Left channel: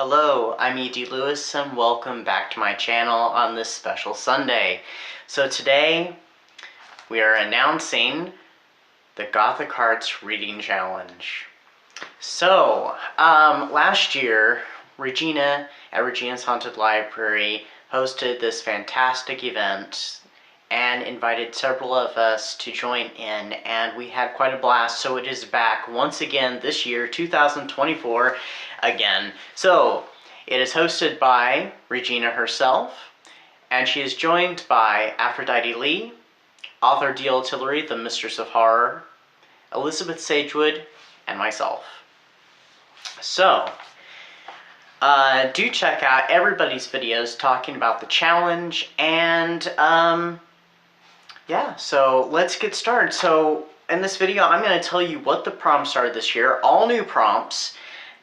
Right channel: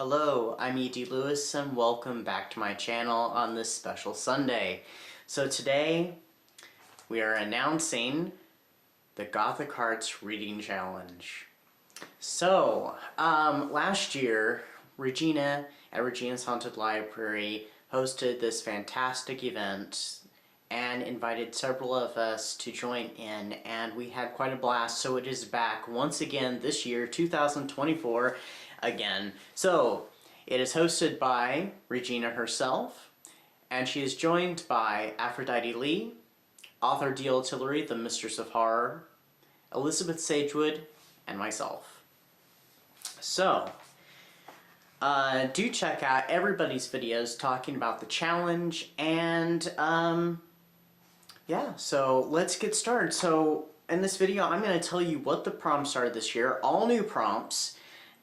Hello, I'm E.D. Lewis and welcome back to my channel on this special Sunday. So today we are announcing the Gothic Hearts Reading Challenge. So, last year, Regina at Regina's Haunted Library hosted this fantastic event and invited several of us to join in, and we had quite a blast. So it is back once again this year, 2024, again. So it is hosted by Regina herself, and she is joined by Aphrodite Lee, author D.L. Tillery, the Mistress of Horror, Elizabeth Sagewood, and myself. So, do check out everybody's videos talking about the challenge, and yeah, so let's get started. So in this video, I'm going to tell you what the prompts are this year, all new prompts.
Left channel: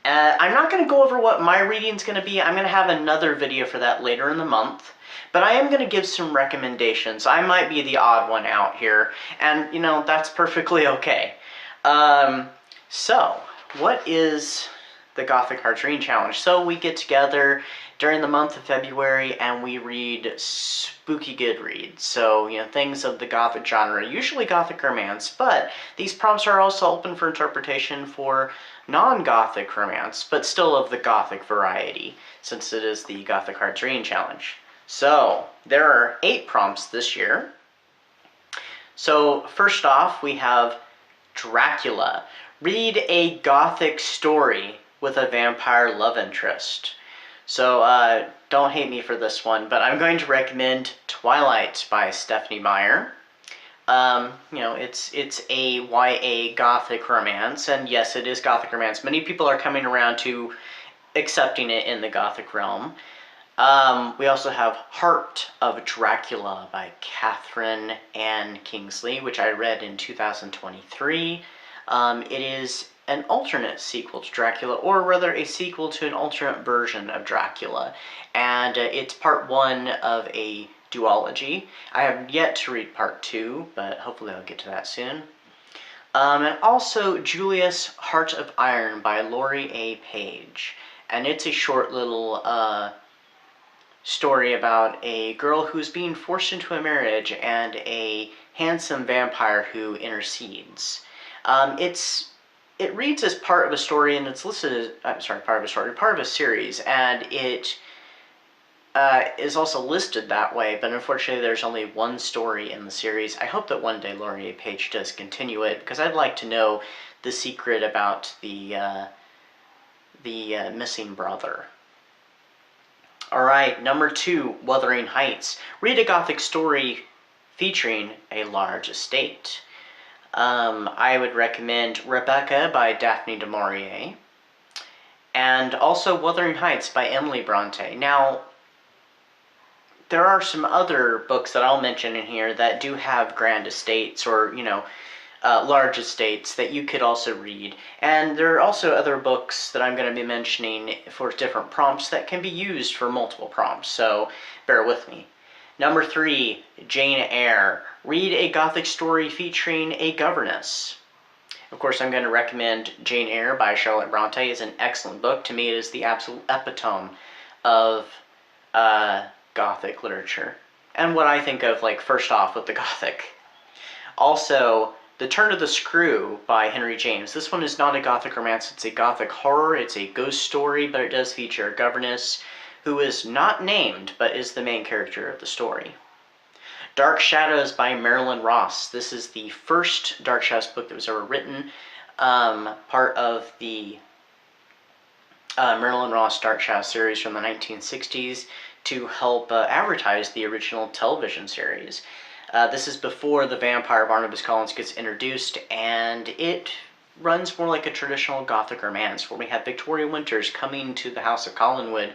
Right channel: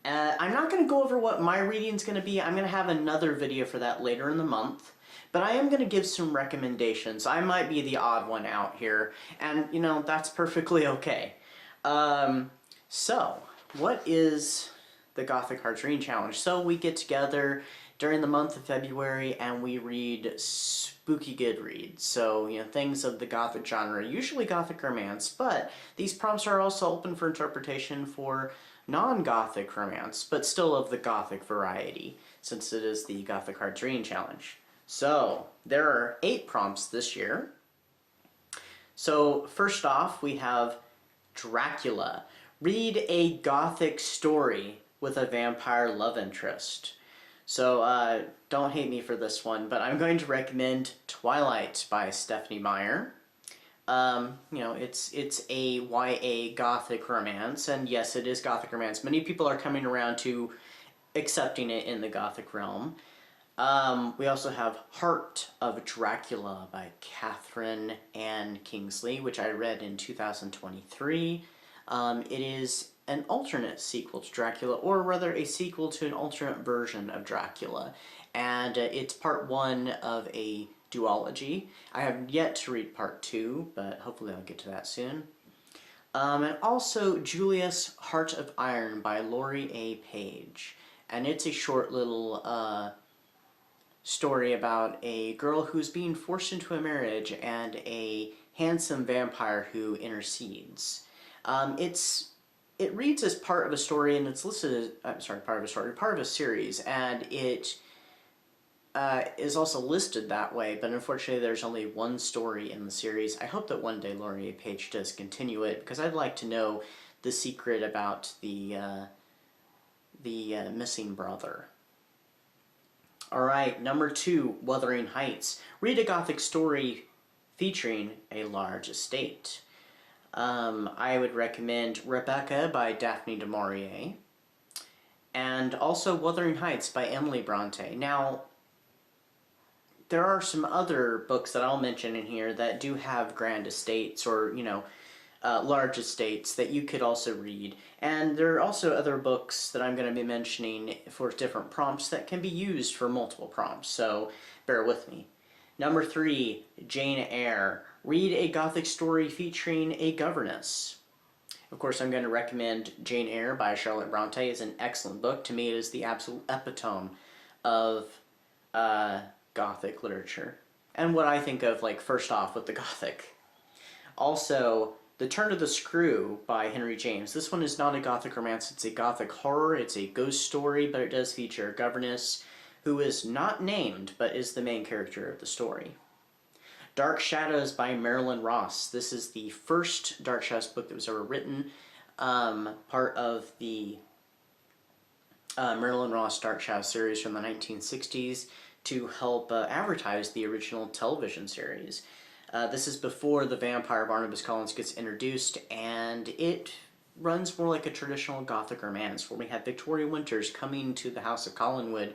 I'm not going to go over what my reading's going to be. I'm going to have another video for that later in the month. But I am going to give some recommendations. I might be the odd one out here, and you know, that's perfectly okay. So, what is the Gothic Hearts Reading Challenge? So we get together during the month of February and we read spooky good reads. So, you know, things of the Gothic genre, usually Gothic romance, but these prompts are also open for interpretation for non-Gothic romance, but still of the Gothic variety, since it is the Gothic Hearts Reading Challenge. So, there are 8 prompts this year. So, first off, we have Dracula. Read a Gothic story with a vampire love interest. So, don't hate me for this one, but I'm going to recommend Twilight by Stephanie Meyer. You know, it's a YA Gothic romance, and yes, it is Gothic romance. Many people are coming around to accepting it in the Gothic realm. We also have Heart of Dracula by Catherine Ann Kingsley, which I read in 2023. It is an alternate sequel to Dracula, or rather a sequel to an alternate version of Dracula, and it's part 1 of a duology. I have yet to read part 2, but hopefully I'll get to that soon. And also Julius Heart of Iron by Laurie A. Page, and it's a short little story about a girl who's being forced into a marriage and a handsome vampire who intercedes. It reads as part of a story, and it's listed as, part of a series, and it is also listed that way, but unfortunately there's only one story in the series. I hope that one day Laurie A. Page does continue it, because I'd like to know the secret about the missing brother. Alright, number 2, Wuthering Heights. Read a Gothic story featuring a large estate. I would recommend Rebecca by Daphne du Maurier, and also Wuthering Heights by Emily Bronte. Now, there are some other books that I'll mention in here that do have grand estates, or, you know, large estates that you could also read. And there are also other books that I'm going to be mentioning for different prompts that can be used for multiple prompts, so bear with me. Number 3, Jane Eyre. Read a Gothic story featuring a governess. Of course, I'm going to recommend Jane Eyre by Charlotte Bronte. It's an excellent book. To me, it is the absolute epitome of Gothic literature, and what I think of, like, first off with the Gothic. Also, The Turn of the Screw by Henry James. This one is not a Gothic romance, it's a Gothic horror, it's a ghost story, but it does feature a governess who is not named, but is the main character of the story. Dark Shadows by Marilyn Ross. This is the first Dark Shadows book that was ever written, part of the Marilyn Ross Dark Shadows series from the 1960s to help advertise the original television series. This is before the vampire Barnabas Collins gets introduced, and it runs more like a traditional Gothic romance, where we have Victoria Winters coming to the House of Collinwood,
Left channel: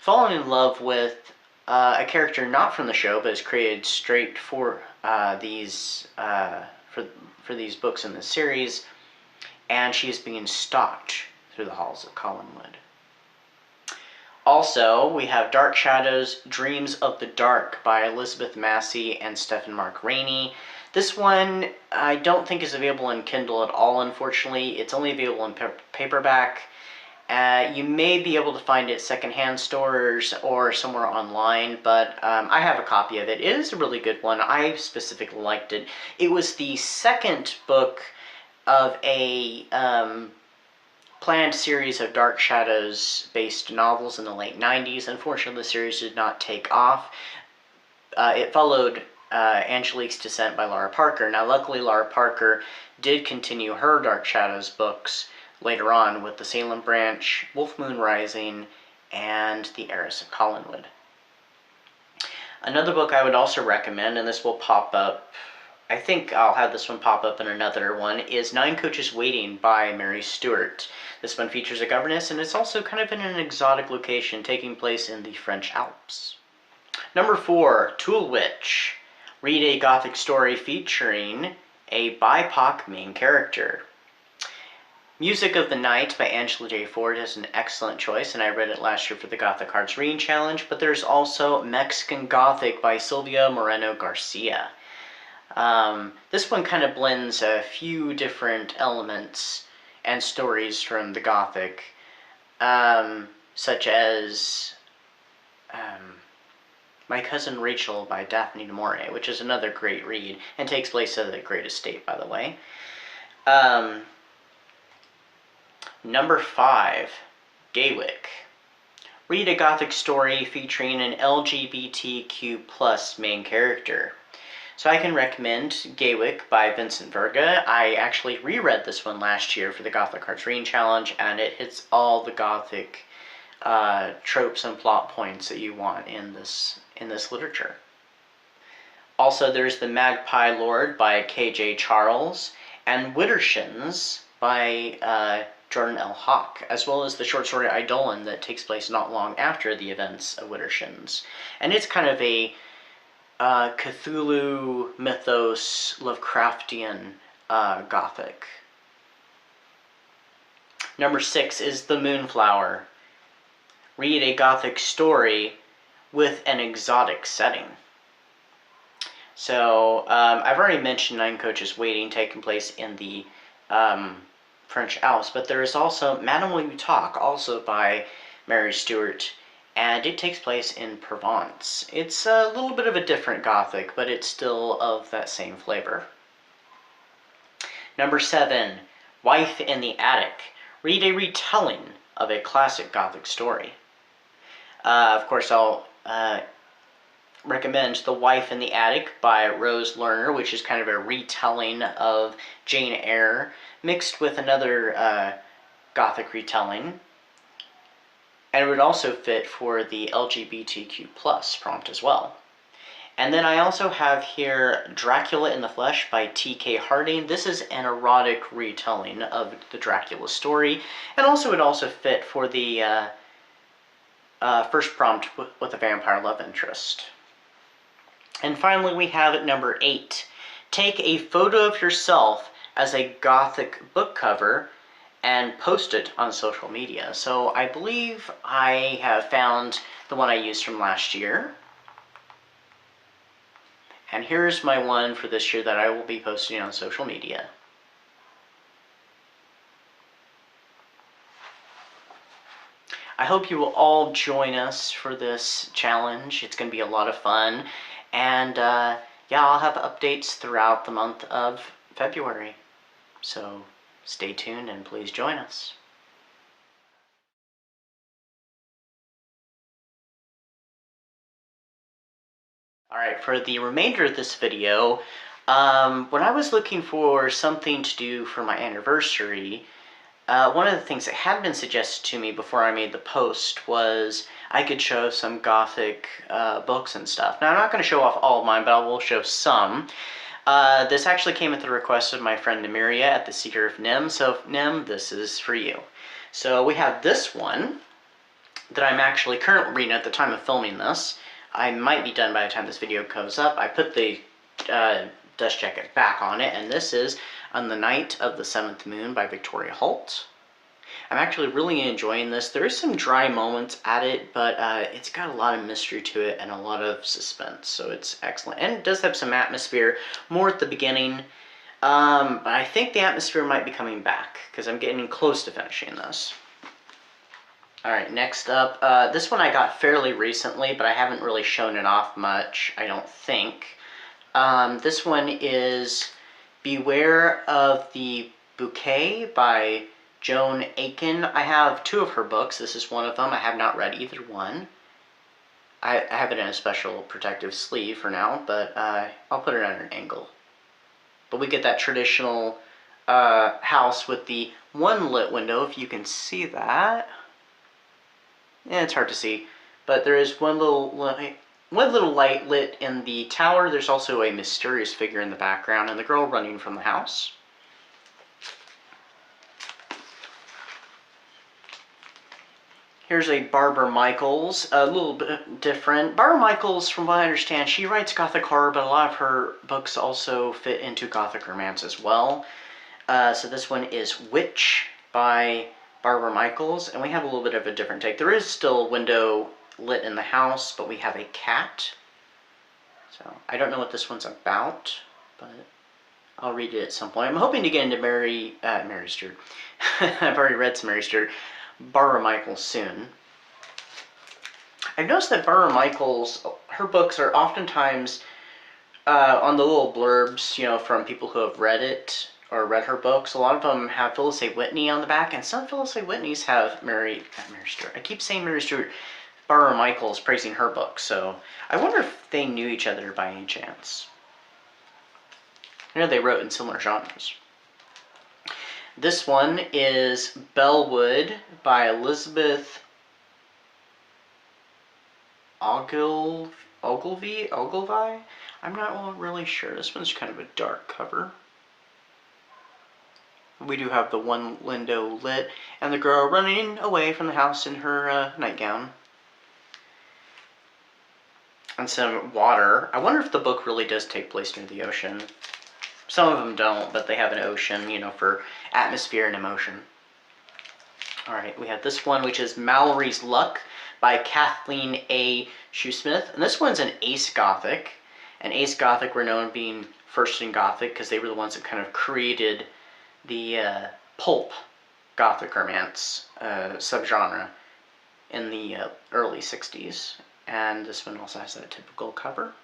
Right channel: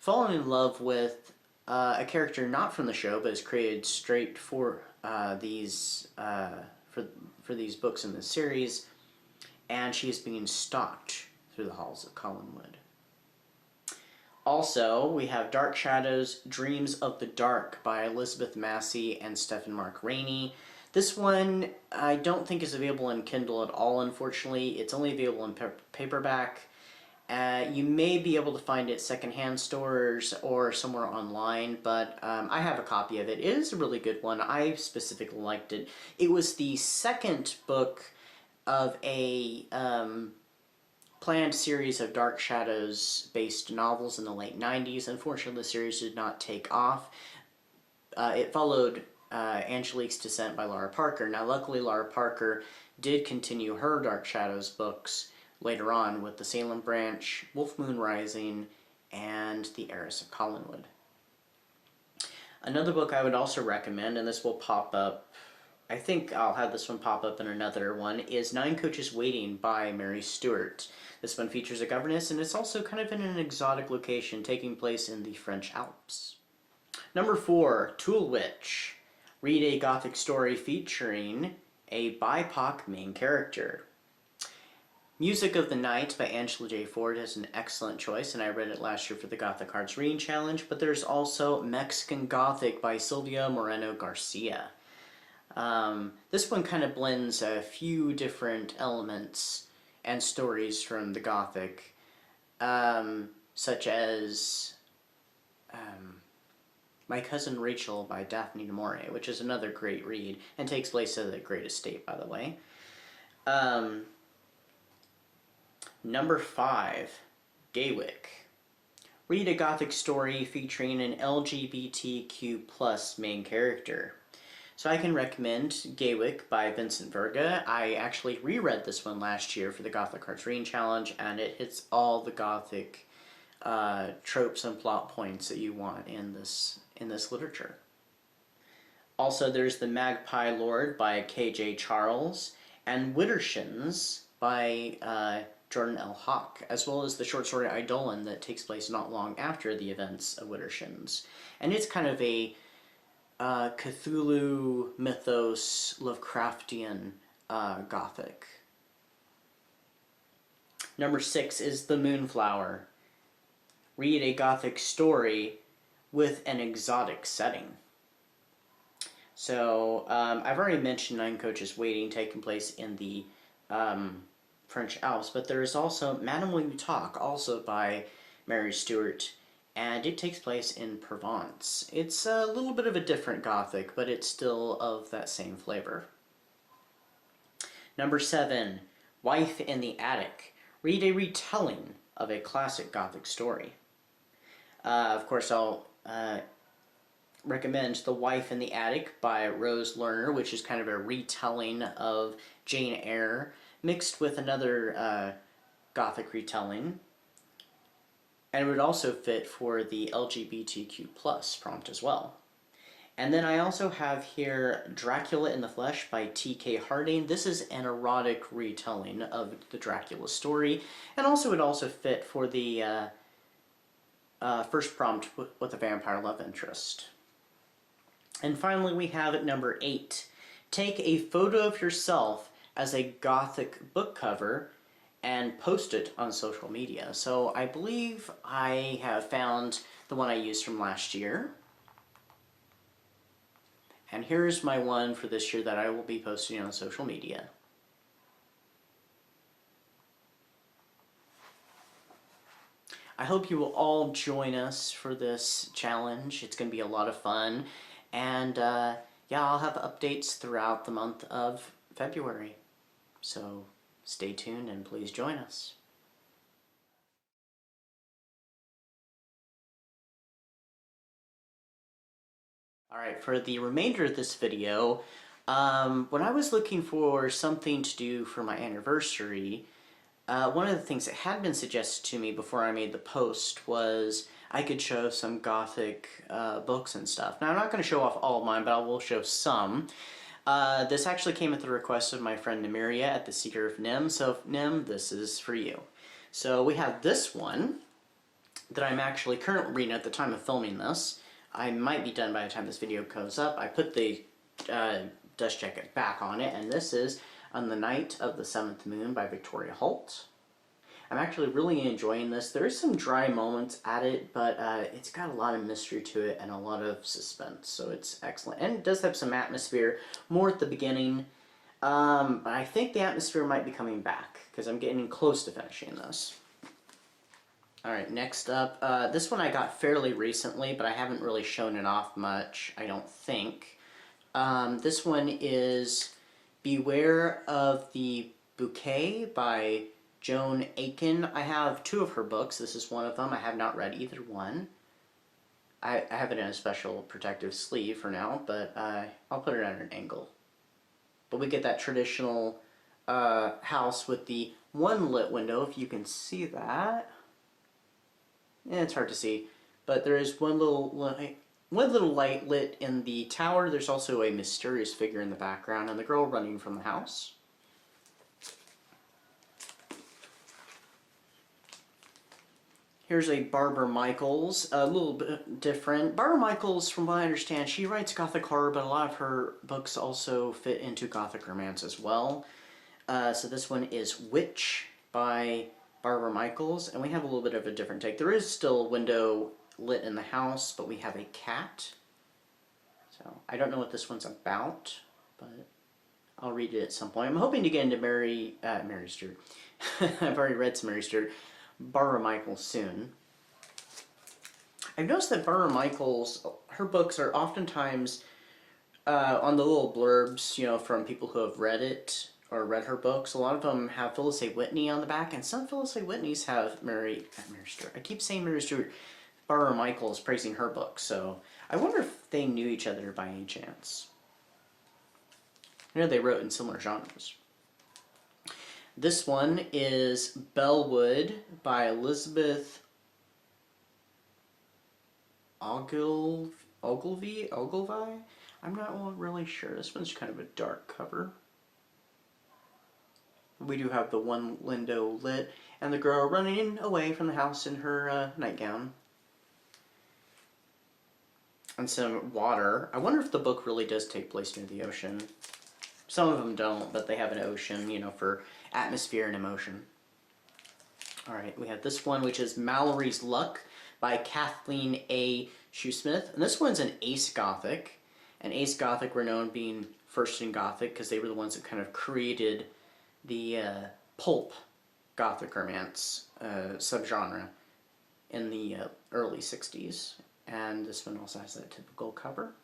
falling in love with a character not from the show, but is created straight for these books in the series, and she is being stalked through the halls of Collinwood. Also, we have Dark Shadows, Dreams of the Dark by Elizabeth Massey and Stephen Mark Rainey. This one I don't think is available in Kindle at all, unfortunately. It's only available in paperback, You may be able to find it secondhand stores or somewhere online, but I have a copy of it. It is a really good one. I specifically liked it. It was the second book of a planned series of Dark Shadows-based novels in the late 90s. Unfortunately, the series did not take off. It followed Angelique's Descent by Lara Parker. Now, luckily, Lara Parker did continue her Dark Shadows books later on with the Salem Branch, Wolf Moon Rising, and The Heiress of Collinwood. Another book I would also recommend, and this will pop up, I think I'll have this one pop up in another one, is Nine Coaches Waiting by Mary Stuart. This one features a governess, and it's also kind of in an exotic location taking place in the French Alps. Number 4, Tule Witch. Read a Gothic story featuring a BIPOC main character. Music of the Night by Angela J. Ford is an excellent choice, and I read it last year for the Gothic Hearts Reading Challenge, but there's also Mexican Gothic by Silvia Moreno Garcia. This one kind of blends a few different elements and stories from the Gothic, such as My Cousin Rachel by Daphne du Maurier, which is another great read, and takes place at the Great Estate, by the way. Number 5, Gaywyck. Read a Gothic story featuring an LGBTQ+ main character. So I can recommend Gaywyck by Vincent Verga. I actually reread this one last year for the Gothic Hearts Reading Challenge, and it hits all the Gothic tropes and plot points that you want in this literature. Also, there's The Magpie Lord by K.J. Charles, and Widdershins by Jordan L. Hawk, as well as the short story Eidolon that takes place not long after the events of Widdershins. And it's kind of a Cthulhu mythos, Lovecraftian Gothic. Number 6 is The Moonflower. Read a Gothic story with an exotic setting. So, I've already mentioned Nine Coaches Waiting, taking place in the French Alps, but there is also Madame Will You Talk, also by Mary Stuart, and it takes place in Provence. It's a little bit of a different Gothic, but it's still of that same flavor. Number 7, Wife in the Attic. Read a retelling of a classic Gothic story. Of course, I'll recommend The Wife in the Attic by Rose Lerner, which is kind of a retelling of Jane Eyre, mixed with another Gothic retelling. And it would also fit for the LGBTQ+ prompt as well. And then I also have here Dracula in the Flesh by T.K. Harding. This is an erotic retelling of the Dracula story, and also it also fit for the first prompt with a vampire love interest. And finally we have at number 8, take a photo of yourself as a Gothic book cover and post it on social media. So I believe I have found the one I used from last year. And here's my one for this year that I will be posting on social media. I hope you will all join us for this challenge. It's going to be a lot of fun. And yeah, I'll have updates throughout the month of February. So stay tuned and please join us. Alright, for the remainder of this video, when I was looking for something to do for my anniversary, one of the things that had been suggested to me before I made the post was I could show some Gothic books and stuff. Now, I'm not going to show off all of mine, but I will show some. This actually came at the request of my friend Nemiria at the Seeker of Nim, so Nim, this is for you. So we have this one that I'm actually currently reading at the time of filming this. I might be done by the time this video comes up. I put the dust jacket back on it, and this is On the Night of the Seventh Moon by Victoria Holt. I'm actually really enjoying this. There is some dry moments at it, but it's got a lot of mystery to it and a lot of suspense, so it's excellent. And it does have some atmosphere, more at the beginning, but I think the atmosphere might be coming back, because I'm getting close to finishing this. Alright, next up, this one I got fairly recently, but I haven't really shown it off much, I don't think. This one is Beware of the Bouquet by Joan Aiken. I have 2 of her books. This is one of them. I have not read either one. I have it in a special protective sleeve for now, but I'll put it at an angle. But we get that traditional house with the one lit window, if you can see that. Yeah, it's hard to see, but there is one little light lit in the tower. There's also a mysterious figure in the background, and the girl running from the house. Here's a Barbara Michaels, a little bit different. Barbara Michaels, from what I understand, she writes Gothic horror, but a lot of her books also fit into Gothic romance as well. So this one is Witch by Barbara Michaels, and we have a little bit of a different take. There is still a window lit in the house, but we have a cat. So I don't know what this one's about, but I'll read it at some point. I'm hoping to get into Mary Stewart. I've already read some Mary Stewart. Barbara Michaels soon. I've noticed that Barbara Michaels, her books are oftentimes on the little blurbs, you know, from people who have read it or read her books. A lot of them have Phyllis A. Whitney on the back, and some Phyllis A. Whitneys have Mary Stewart. I keep saying Mary Stewart. Barbara Michaels praising her book, so I wonder if they knew each other by any chance. I know they wrote in similar genres. This one is Bellwood by Elizabeth Ogilvie? I'm not really sure. This one's kind of a dark cover. We do have the one window lit, and the girl running away from the house in her nightgown. And some water. I wonder if the book really does take place near the ocean. Some of them don't, but they have an ocean, you know, for atmosphere and emotion. Alright, we have this one, which is Mallory's Luck by Kathleen A. Shoesmith. And this one's an Ace Gothic. And Ace Gothic were known being first in Gothic because they were the ones that kind of created the pulp Gothic romance subgenre in the early 60s. And this one also has that typical cover.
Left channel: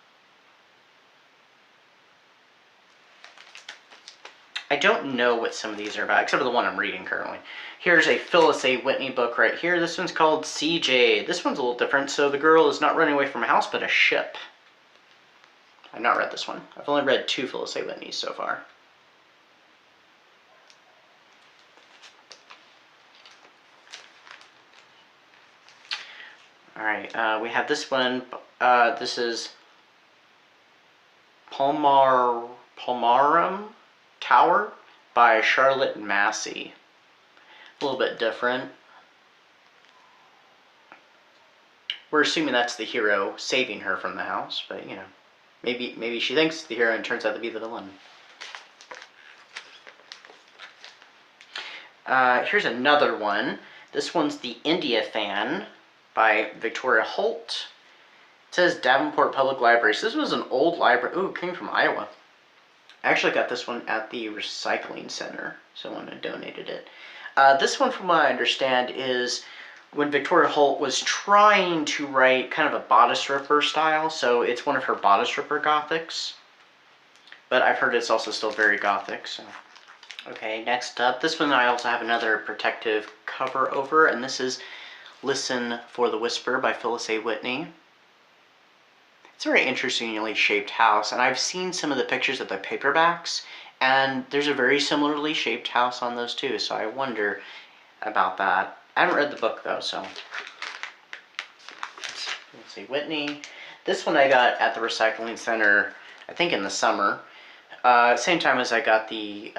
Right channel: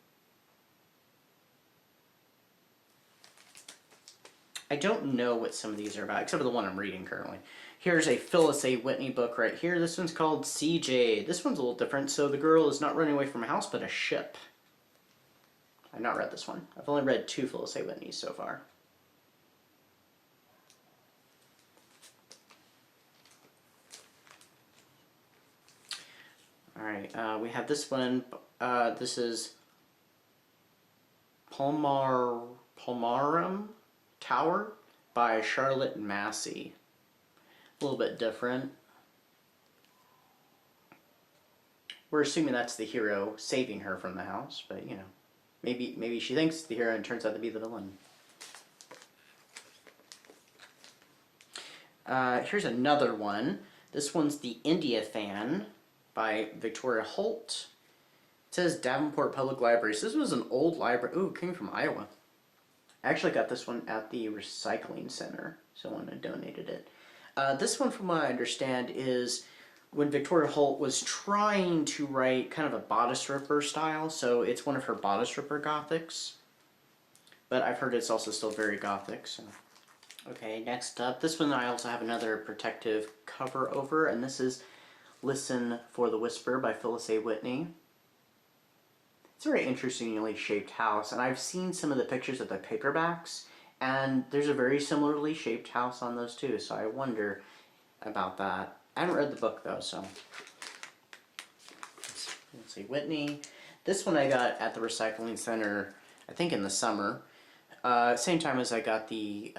I don't know what some of these are about, except for the one I'm reading currently. Here's a Phyllis A. Whitney book right here. This one's called CJ. This one's a little different. So the girl is not running away from a house, but a ship. I've not read this one. I've only read 2 Phyllis A. Whitneys so far. Alright, we have this one. This is Palmarum Tower by Charlotte Massey. A little bit different. We're assuming that's the hero saving her from the house, but you know, maybe she thinks it's the hero and turns out to be the villain. Here's another one. This one's The India Fan by Victoria Holt. It says Davenport Public Library. So this was an old library. Ooh, it came from Iowa. I actually got this one at the recycling center. Someone had donated it. This one, from what I understand, is when Victoria Holt was trying to write kind of a bodice ripper style. So it's one of her bodice ripper Gothics. But I've heard it's also still very Gothic, so... Okay, next up, this one I also have another protective cover over, and this is Listen for the Whisper by Phyllis A. Whitney. It's a very interestingly shaped house, and I've seen some of the pictures of the paperbacks, and there's a very similarly shaped house on those too, so I wonder about that. I haven't read the book though, so... Let's see, Whitney. This one I got at the recycling center, I think in the summer. Same time as I got the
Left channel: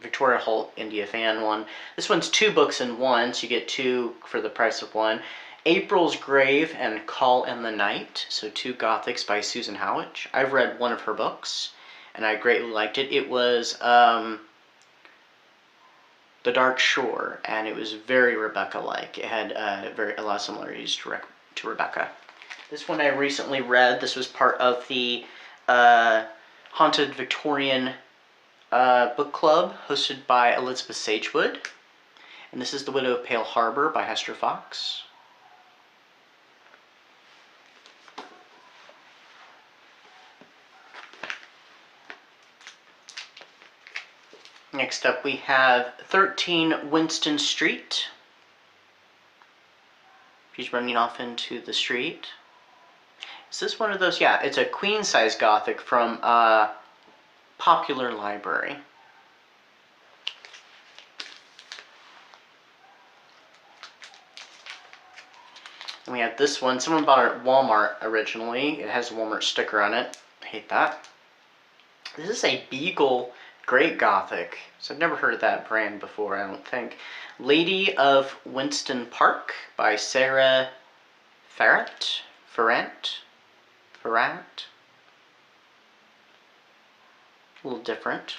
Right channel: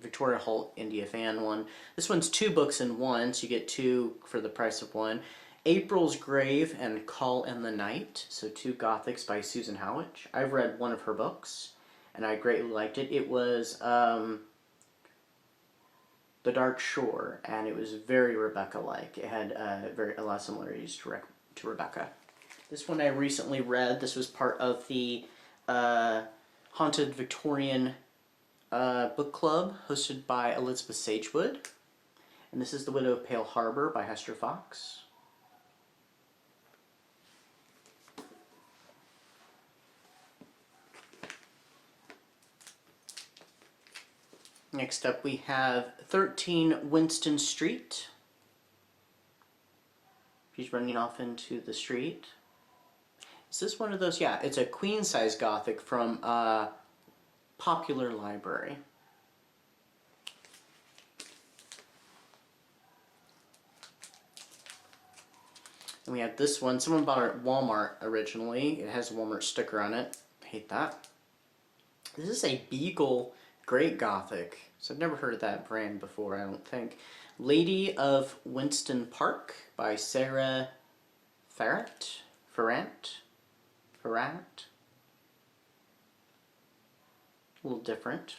Victoria Holt India Fan one. This one's 2 books in one, so you get 2 for the price of one. April's Grave and Call in the Night, so 2 Gothics by Susan Howitch. I've read one of her books, and I greatly liked it. It was The Dark Shore, and it was very Rebecca-like. It had a lot of similarities to Rebecca. This one I recently read. This was part of the Haunted Victorian book club hosted by Elizabeth Sagewood. And this is The Widow of Pale Harbor by Hester Fox. Next up we have 13 Winston Street. She's running off into the street. Is this one of those? Yeah, it's a queen-size Gothic from Popular Library. And we have this one. Someone bought it at Walmart originally. It has a Walmart sticker on it. I hate that. This is a Beagle Great Gothic. So I've never heard of that brand before, I don't think. Lady of Winston Park by Sarah Ferrant. A little different.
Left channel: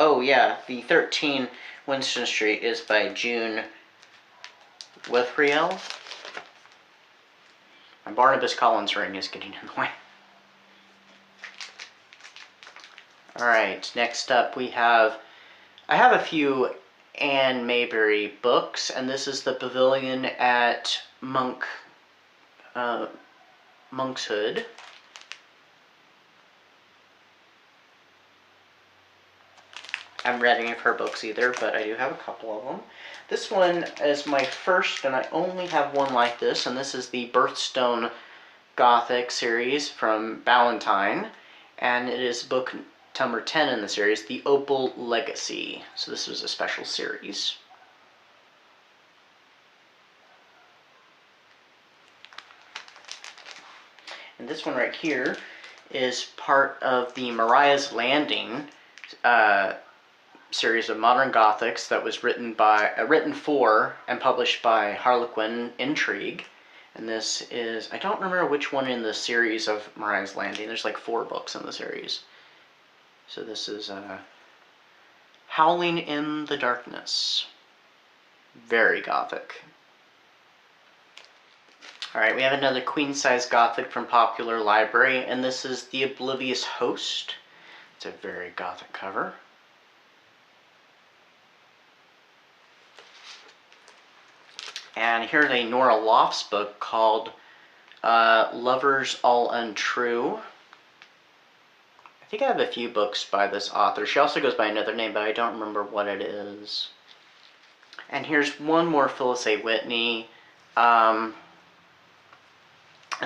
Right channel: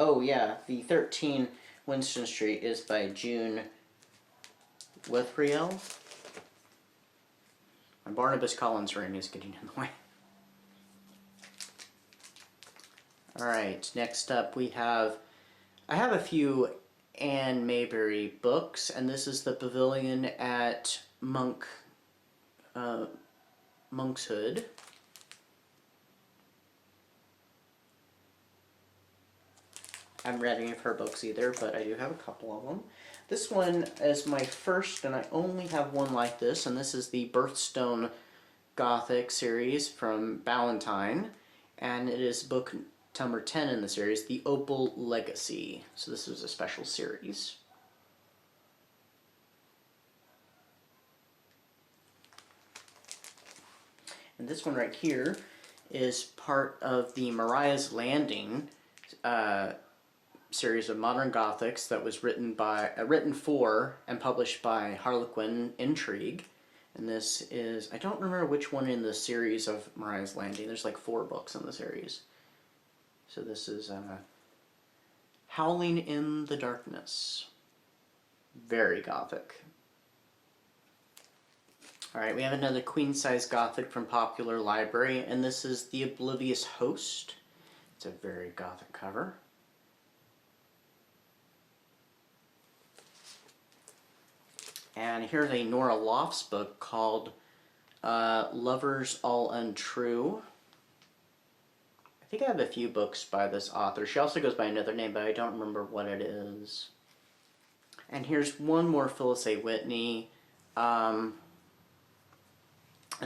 Oh yeah, the 13 Winston Street is by June Withriel. My Barnabas Collins ring is getting in the way. Alright, next up we have, I have a few Anne Maybury books, and this is The Pavilion at Monkshood. I haven't read any of her books either, but I do have a couple of them. This one is my first, and I only have one like this, and this is the Birthstone Gothic series from Ballantine, and it is book number 10 in the series, The Opal Legacy. So this was a special series. And this one right here is part of the Mariah's Landing series of modern Gothics that was written for and published by Harlequin Intrigue. And this is, I don't remember which one in the series of Mariah's Landing. There's like 4 books in the series. So this is Howling in the Darkness. Very Gothic. Alright, we have another queen-size Gothic from Popular Library, and this is The Oblivious Host. It's a very Gothic cover. And here's a Nora Lofts book called Lovers All Untrue. I think I have a few books by this author. She also goes by another name, but I don't remember what it is. And here's one more Phyllis A. Whitney. And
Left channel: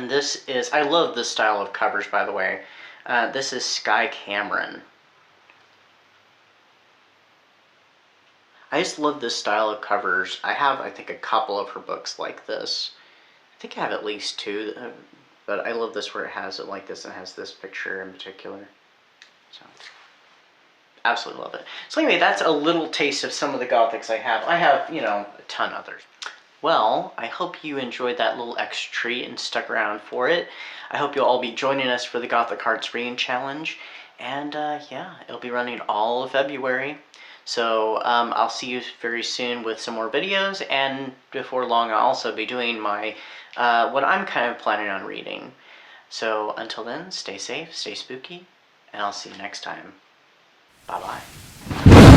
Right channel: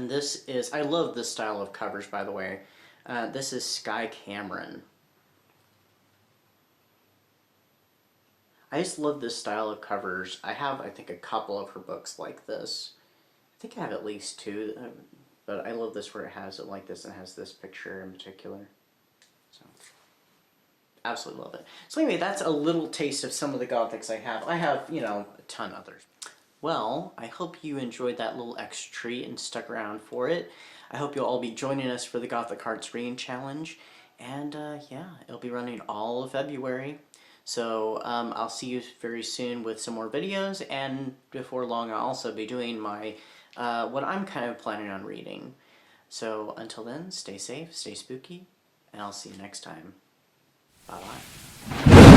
this is, I love this style of covers, by the way. This is Sky Cameron. I just love this style of covers. I have, I think, a couple of her books like this. I think I have at least 2, but I love this where it has it like this and has this picture in particular. So, absolutely love it. So anyway, that's a little taste of some of the Gothics I have. I have, you know, a ton others. Well, I hope you enjoyed that little extra treat and stuck around for it. I hope you'll all be joining us for the Gothic Hearts Reading Challenge. And yeah, it'll be running all of February. So I'll see you very soon with some more videos, and before long I'll also be doing my, what I'm kind of planning on reading. So until then, stay safe, stay spooky, and I'll see you next time. Bye-bye.